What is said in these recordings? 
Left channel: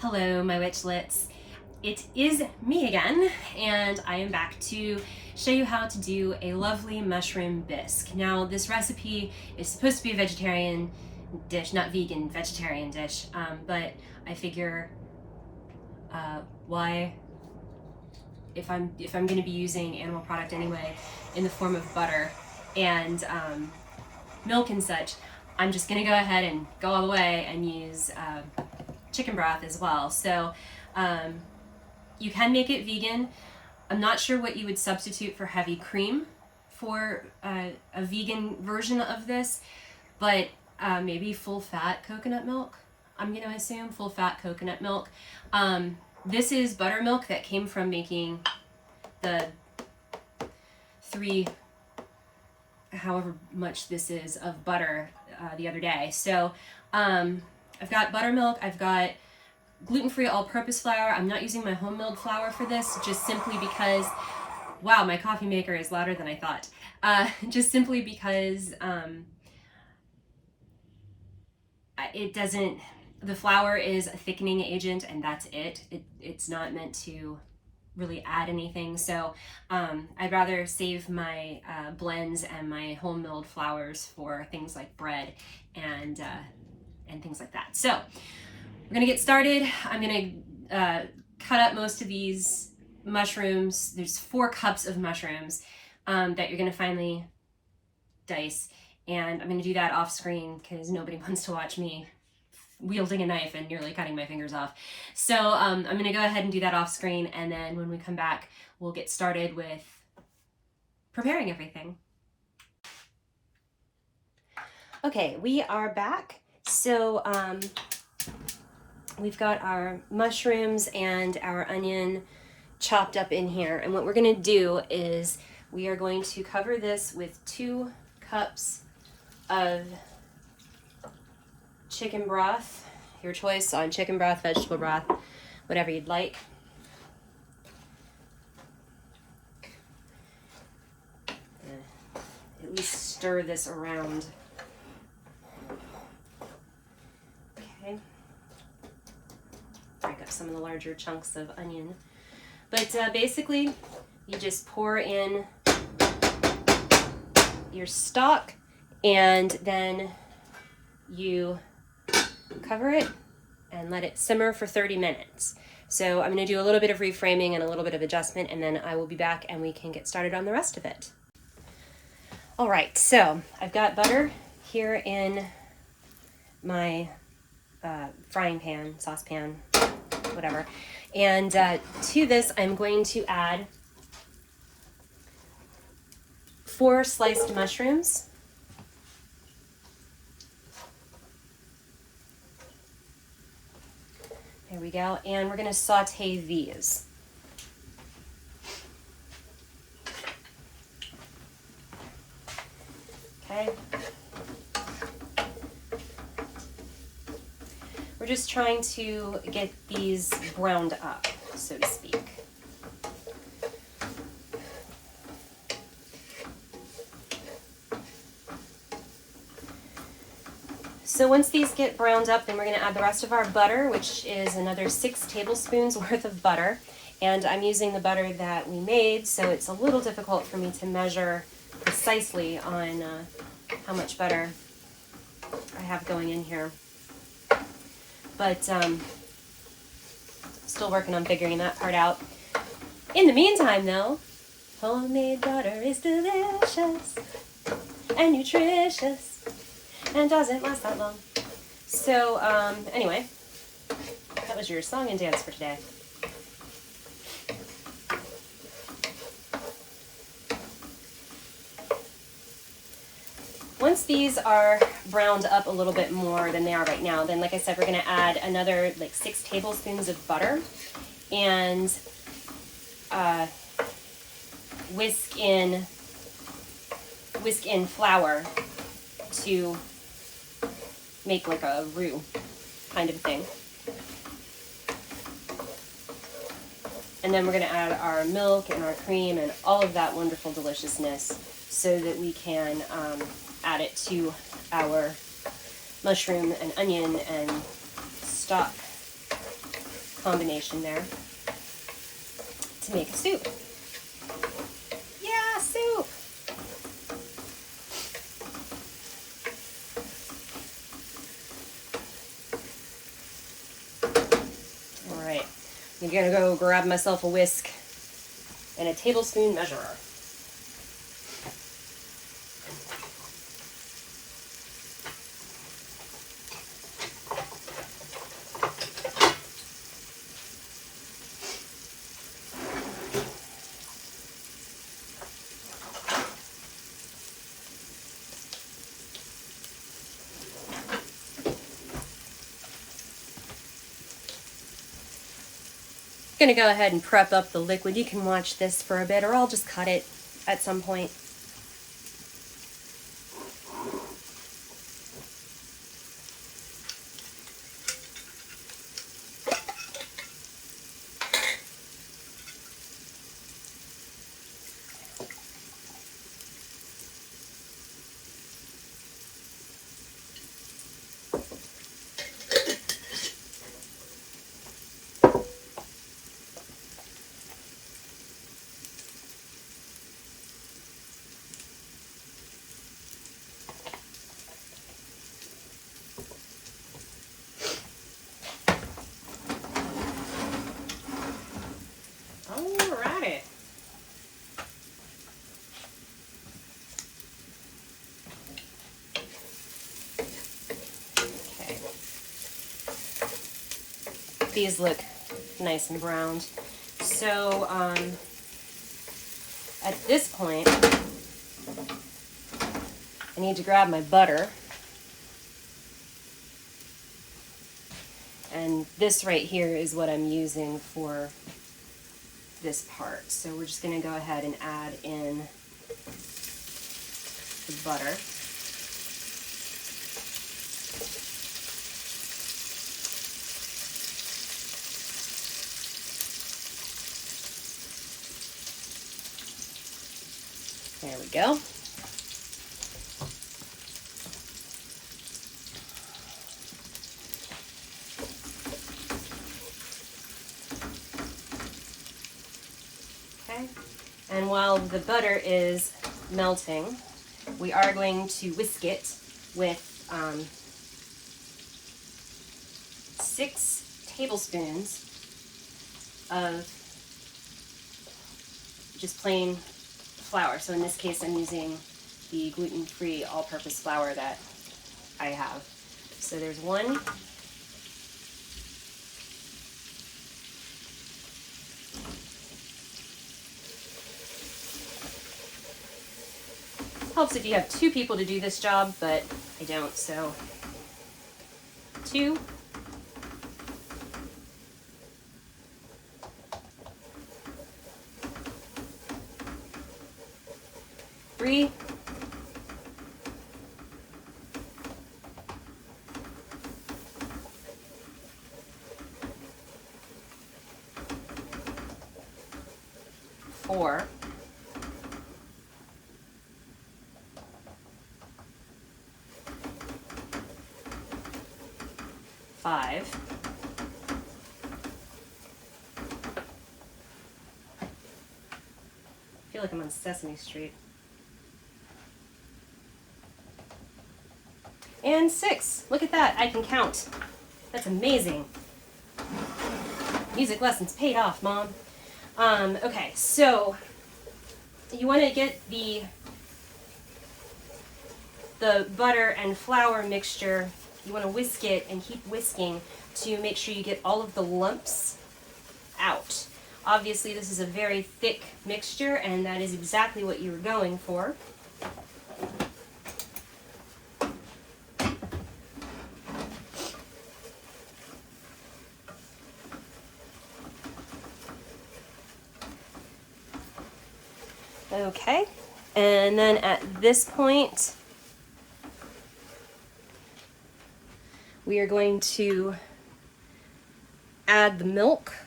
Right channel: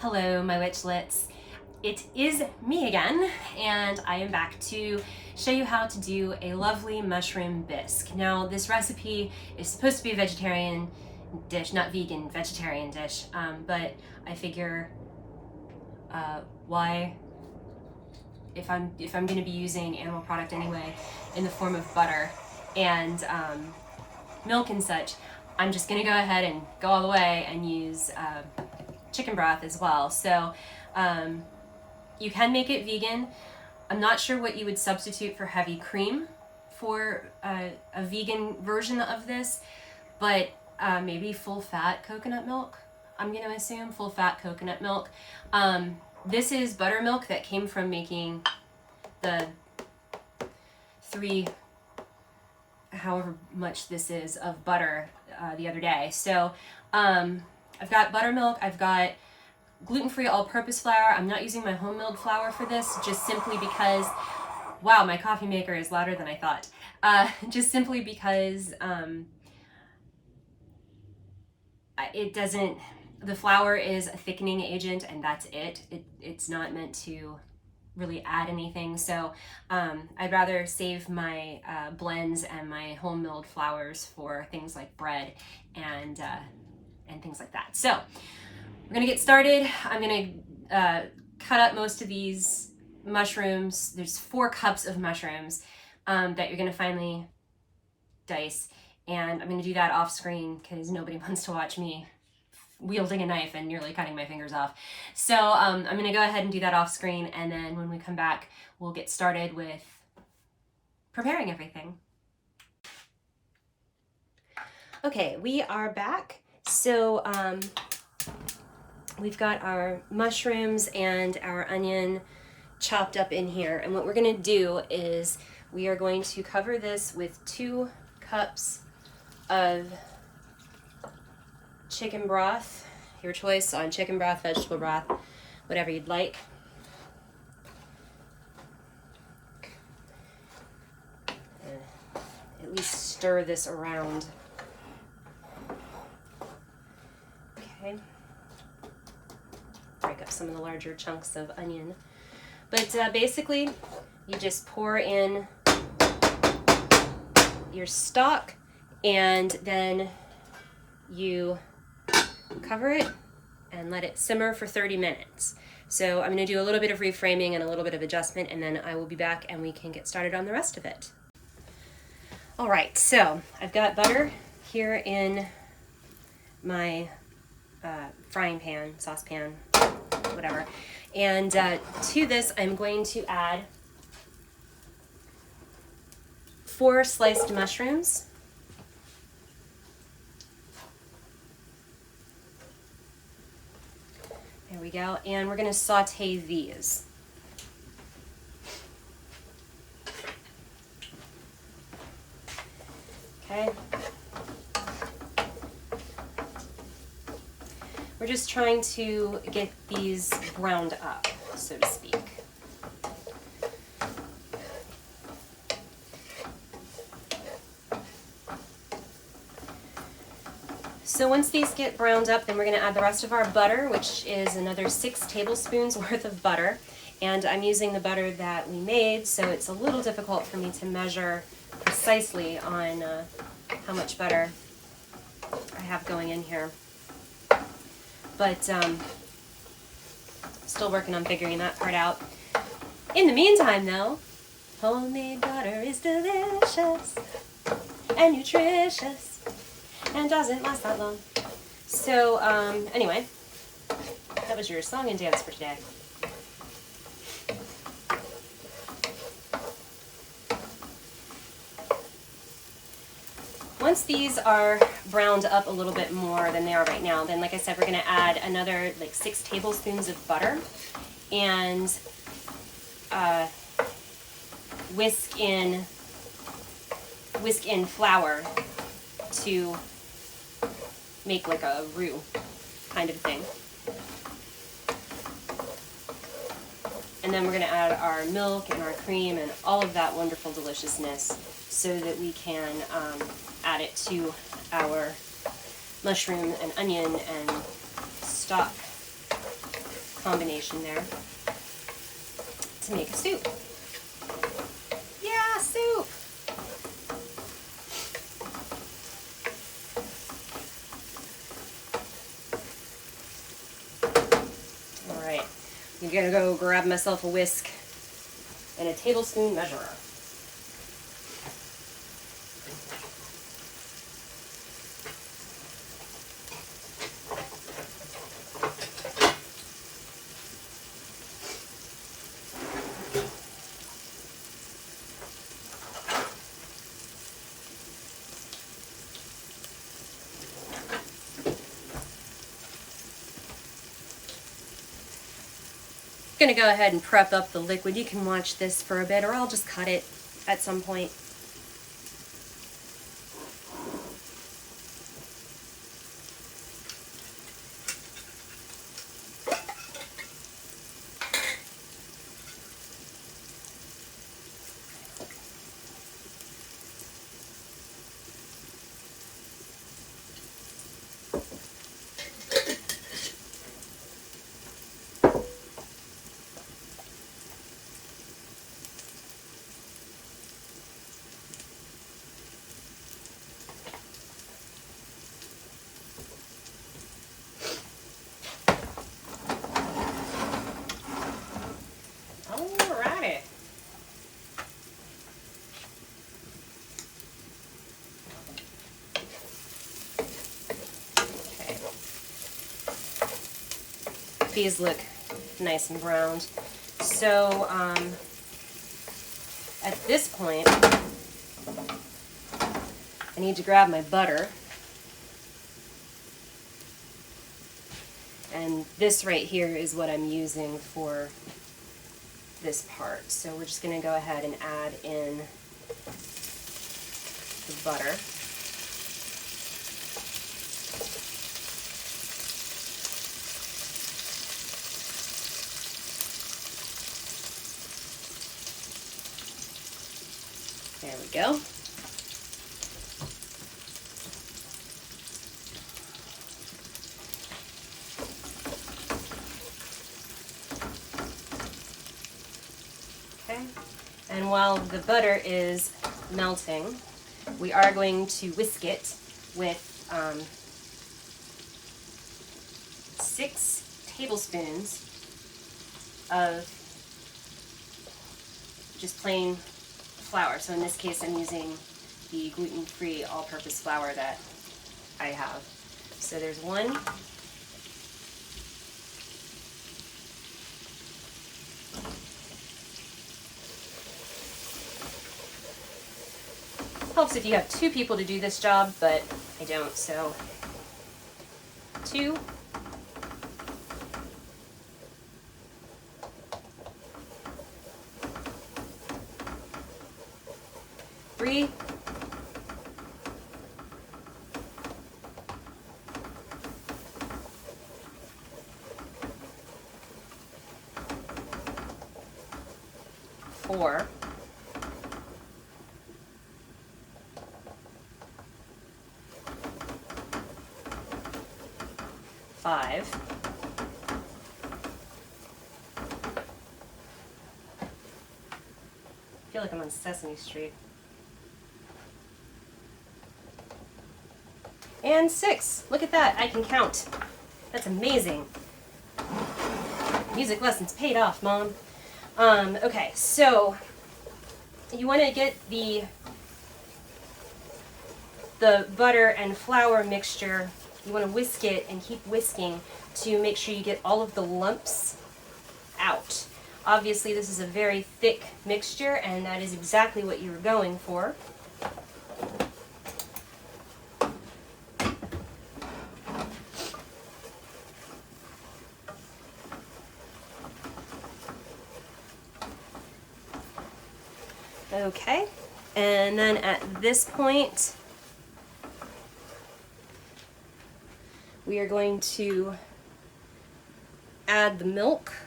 Hello, my witchlets. It is me again, and I am back to show you how to do a lovely mushroom bisque. Now, this recipe is supposed to be a vegetarian dish, not vegan, vegetarian dish, but I figure why, if I'm going to be using animal product anyway in the form of butter and milk and such, I'm just going to go ahead and go all the way and use chicken broth as well. So you can make it vegan. I'm not sure what you would substitute for heavy cream for a vegan version of this, but maybe full fat coconut milk. I'm going to assume full fat coconut milk. This is buttermilk that came from making the however much this is of butter the other day. So I've got buttermilk, I've got gluten-free all-purpose flour. I'm not using my home milled flour for this, just simply because, wow, my coffee maker is louder than I thought. Just simply because the flour is a thickening agent and that's it. It's not meant to really add anything. So I'd rather save my blends and my home milled flours for things like bread and things like that. So we're gonna get started. I'm gonna cut up most of these mushrooms. There's 4 cups of mushrooms that you're gonna finely dice. And I'm gonna do that off screen because nobody wants to watch me wielding a knife and nearly cutting my fingers off. So I'm gonna go ahead and do that off screen, and then when we come back, we'll get started with preparing everything. Okay, we are back. So we've got our mushrooms and our onion chopped up in here, and what we're gonna do is we are going to cover this with 2 cups of chicken broth, your choice on chicken broth, vegetable broth, whatever you'd like. At least stir this around. Okay. Break up some of the larger chunks of onion. But basically, you just pour in your stock and then you cover it and let it simmer for 30 minutes. So I'm going to do a little bit of reframing and a little bit of adjustment, and then I will be back and we can get started on the rest of it. All right, so I've got butter here in my frying pan, saucepan, whatever. And to this, I'm going to add 4 sliced mushrooms. There we go. And we're going to saute these. Okay. We're just trying to get these browned up, so to speak. So once these get browned up, then we're going to add the rest of our butter, which is another 6 tablespoons worth of butter. And I'm using the butter that we made, so it's a little difficult for me to measure precisely on how much butter I have going in here. But still working on figuring that part out. In the meantime, though, homemade butter is delicious and nutritious and doesn't last that long. So anyway, that was your song and dance for today. Once these are browned up a little bit more than they are right now, then like I said, we're going to add another like 6 tablespoons of butter and whisk in flour to make like a roux kind of thing. And then we're going to add our milk and our cream and all of that wonderful deliciousness so that we can add it to our mushroom and onion and stock. combination there to make a soup. Yeah, soup! All right, I'm gonna go grab myself a whisk and a tablespoon measurer. I'm gonna go ahead and prep up the liquid. You can watch this for a bit, or I'll just cut it at some point. Alright. Okay. These look nice and browned. So at this point, I need to grab my butter. And this right here is what I'm using for this part. So we're just going to go ahead and add in the butter. There we go. Okay, and while the butter is melting, we are going to whisk it with 6 tablespoons of just plain flour. So in this case, I'm using the gluten-free all-purpose flour that I have. So there's 1. Helps if you have 2 people to do this job, but I don't, so 2. 3. 4. 5. I feel like I'm on Sesame Street. And 6. Look at that, I can count. That's amazing. Music lessons paid off, Mom. Okay, so you want to get the butter and flour mixture, you want to whisk it and keep whisking to make sure you get all of the lumps out. Obviously, this is a very thick mixture, and that is exactly what you were going for. Okay, and then at this point, we are going to add the milk.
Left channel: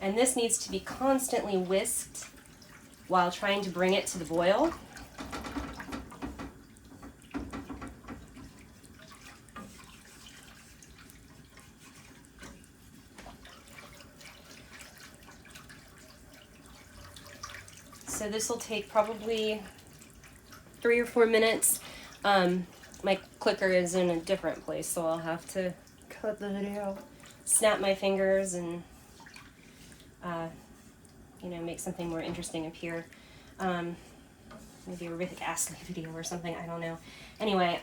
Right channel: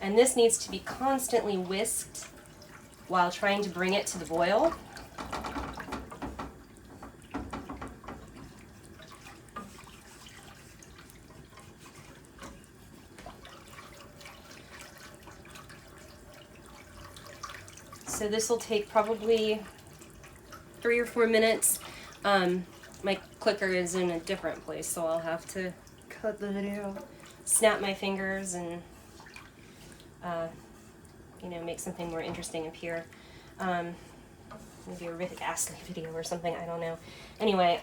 And this needs to be constantly whisked while trying to bring it to the boil. So this will take probably 3 or 4 minutes. My clicker is in a different place, so I'll have to cut the video, snap my fingers, and you know, make something more interesting appear. Maybe a Rick Astley video or something, I don't know. Anyway,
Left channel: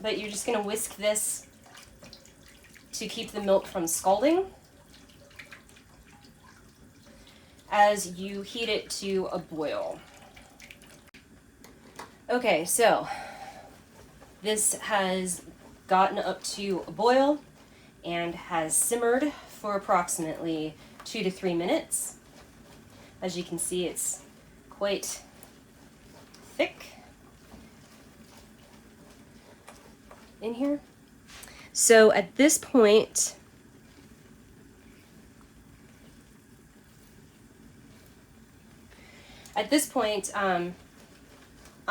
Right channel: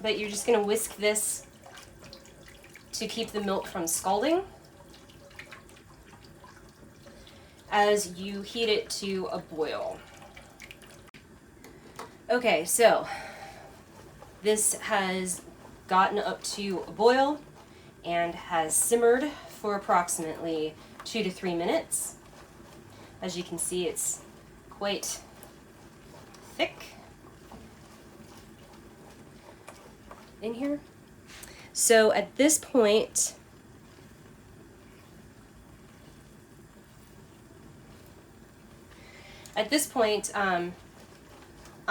but you're just gonna whisk this to keep the milk from scalding as you heat it to a boil. Okay, so this has gotten up to a boil and has simmered for approximately 2 to 3 minutes. As you can see, it's quite thick in here. So at this point,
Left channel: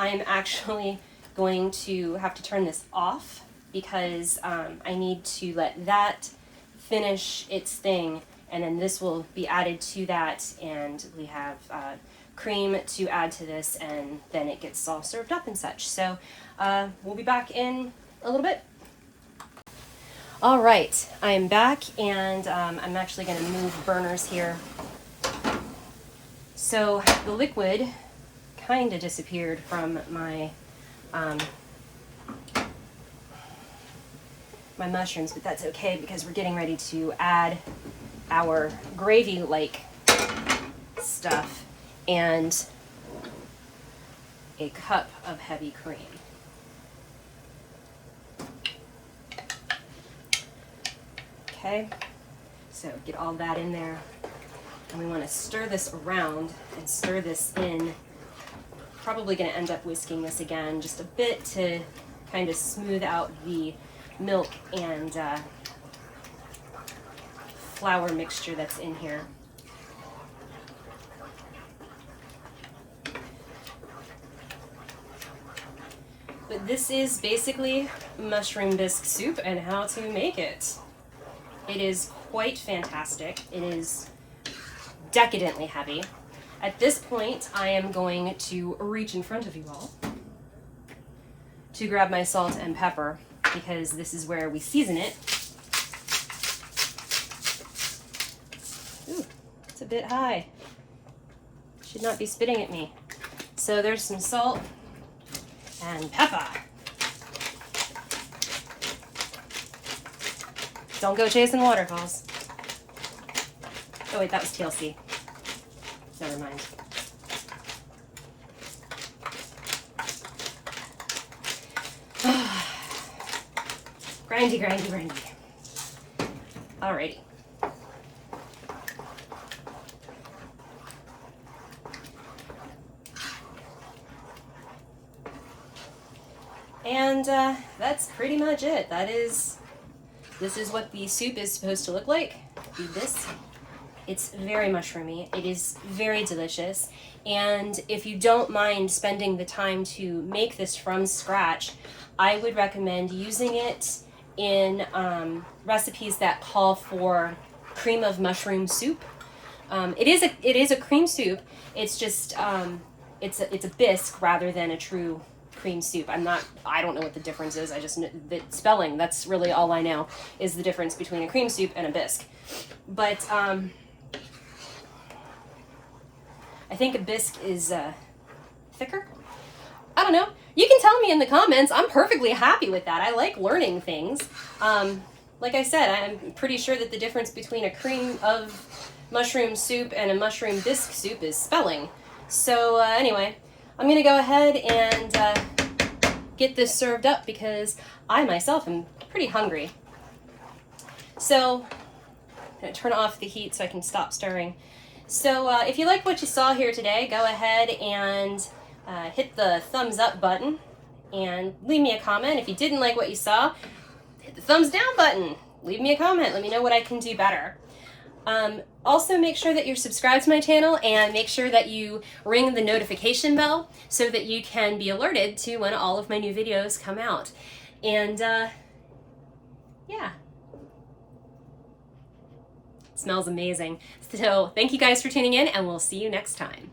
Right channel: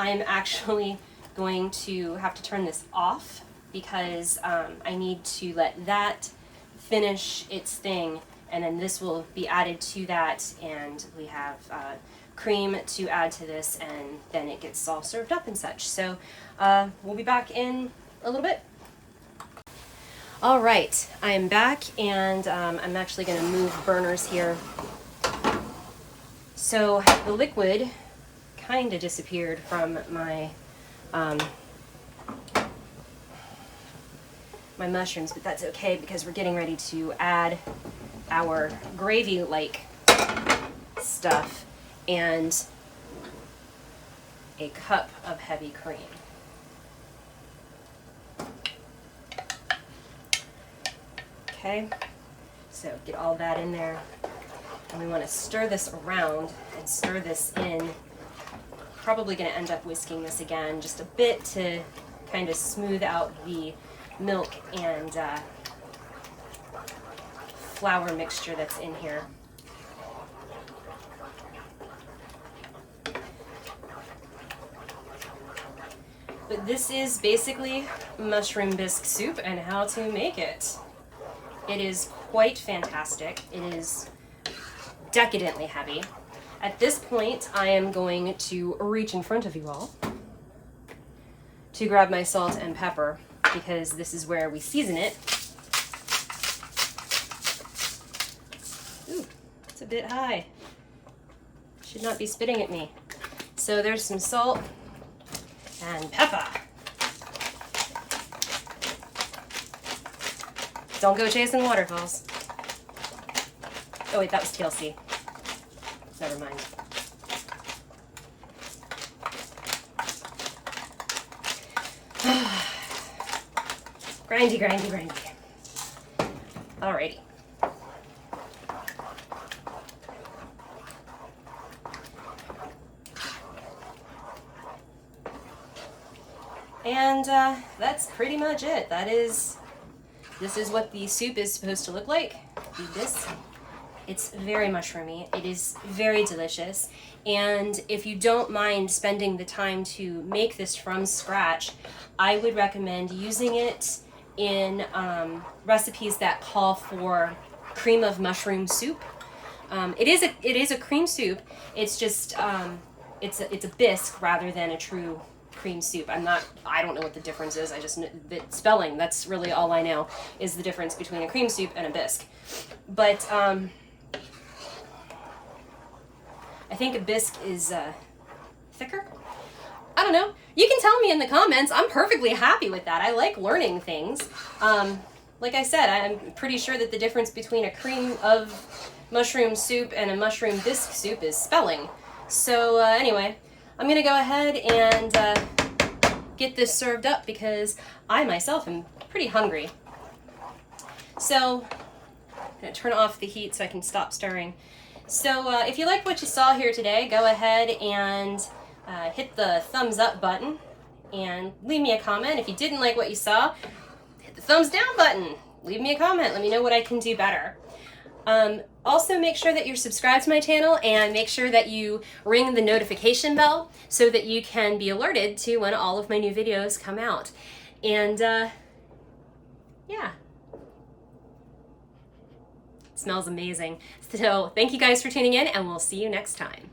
I'm actually going to have to turn this off because I need to let that finish its thing, and then this will be added to that, and we have cream to add to this, and then it gets all served up and such. So we'll be back in a little bit. All right, I am back, and I'm actually going to move burners here. So the liquid kind of disappeared from my my mushrooms, but that's okay because we're getting ready to add our gravy-like stuff and a cup of heavy cream. Okay, so get all that in there, and we want to stir this around and stir this in. Probably going to end up whisking this again just a bit to kind of smooth out the milk and flour mixture that's in here. But this is basically mushroom bisque soup and how to make it. It is quite fantastic. It is decadently heavy. At this point, I am going to reach in front of you all to grab my salt and pepper, because this is where we season it. Ooh, it's a bit high. Should not be spitting at me. So there's some salt and pepper. Don't go chasing waterfalls. Oh wait, that was TLC. Never mind. Grindy, grindy, grindy. Alrighty. And that's pretty much it. This is what the soup is supposed to look like. Do this. It's very mushroomy. It is very delicious. And if you don't mind spending the time to make this from scratch, I would recommend using it in recipes that call for cream of mushroom soup. It is a cream soup. It's just it's a bisque rather than a true cream soup. I don't know what the difference is. I just know the spelling. That's really all I know is the difference between a cream soup and a bisque. But I think a bisque is thicker. I don't know. You can tell me in the comments. I'm perfectly happy with that. I like learning things. Like I said, I'm pretty sure that the difference between a cream of mushroom soup and a mushroom bisque soup is spelling. So anyway, I'm going to go ahead and get this served up because I myself am pretty hungry. So I'm going to turn off the heat so I can stop stirring. So if you like what you saw here today, go ahead and hit the thumbs up button and leave me a comment. If you didn't like what you saw, hit the thumbs down button. Leave me a comment. Let me know what I can do better. Also, make sure that you're subscribed to my channel and make sure that you ring the notification bell so that you can be alerted to when all of my new videos come out. And yeah. Smells amazing. So thank you guys for tuning in, and we'll see you next time.